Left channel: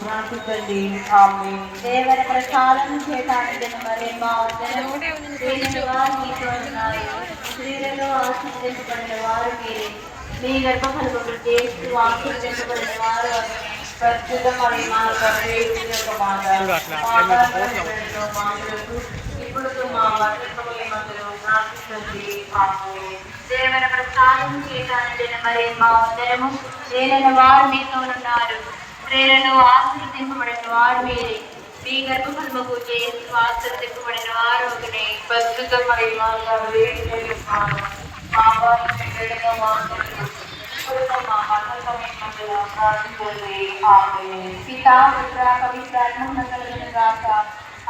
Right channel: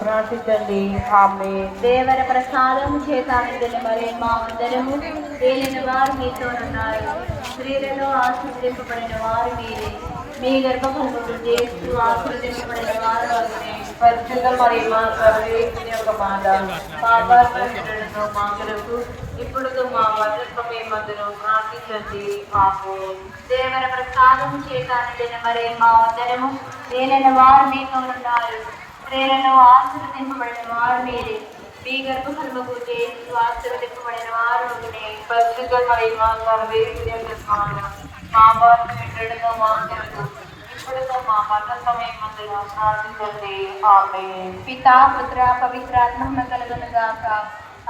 ప్రార్థించండి. ఆమేన్. దేవర ప్రసాదం చేతానందిన మరి మా అందరము దేనిని వారు మీతో ఉన్నారు. స్త్రీలలో ఆశీర్వదింపబడిన వారు మీరే. మీ గర్భఫలములు చేస్తూ ఆశీర్వదింపబడిన వారు అగ్ని. పరిశుద్ధ మరియమ్మ సర్వేశ్వరి యొక్క మాత, మా పాపములను మా కొరకు ఇప్పుడు మా మరణ సమయమందును ప్రార్థించండి. ఆమేన్. దేవర ప్రసాదం చేతానందిన మరి మా అందరము దేనిని వారు మీతో ఉన్నారు. స్త్రీలలో ఆశీర్వదింపబడిన వారు మీరే. మీ గర్భఫలముకు చేస్తూ ఆశీర్వదింపబడిన వారు ఒకటి. పరిశుద్ధ మరియమ్మ సర్వేశ్వరి యొక్క మాత, మా పాపములను మా కొరకు ఇప్పుడు మా మరణ సమయమందును ప్రార్థించండి. ఆమేన్. పితా పుత్ర పవిత్రాత్మ కలుగును గాక.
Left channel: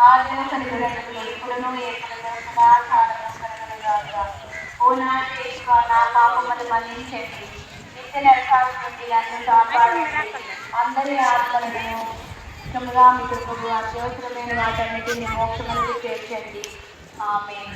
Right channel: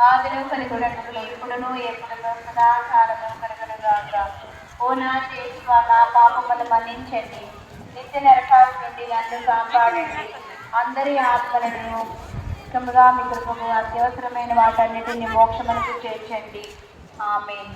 ఆదిలో కలుగునట్లు ఇప్పుడును ఎప్పుడును సదాకాలము కలుగును గాక. ఓ నా దేవా, నా పాపములు మన్నించండి. నిత్య నరకాల నుండి నన్ను కాపాడండి. అందరి ఆత్మలను ఇష్టముగా మీ కృపకు అత్యవసరమైన వాటన్నిటిని మోక్షములకు చేర్చండి. ఆమేన్.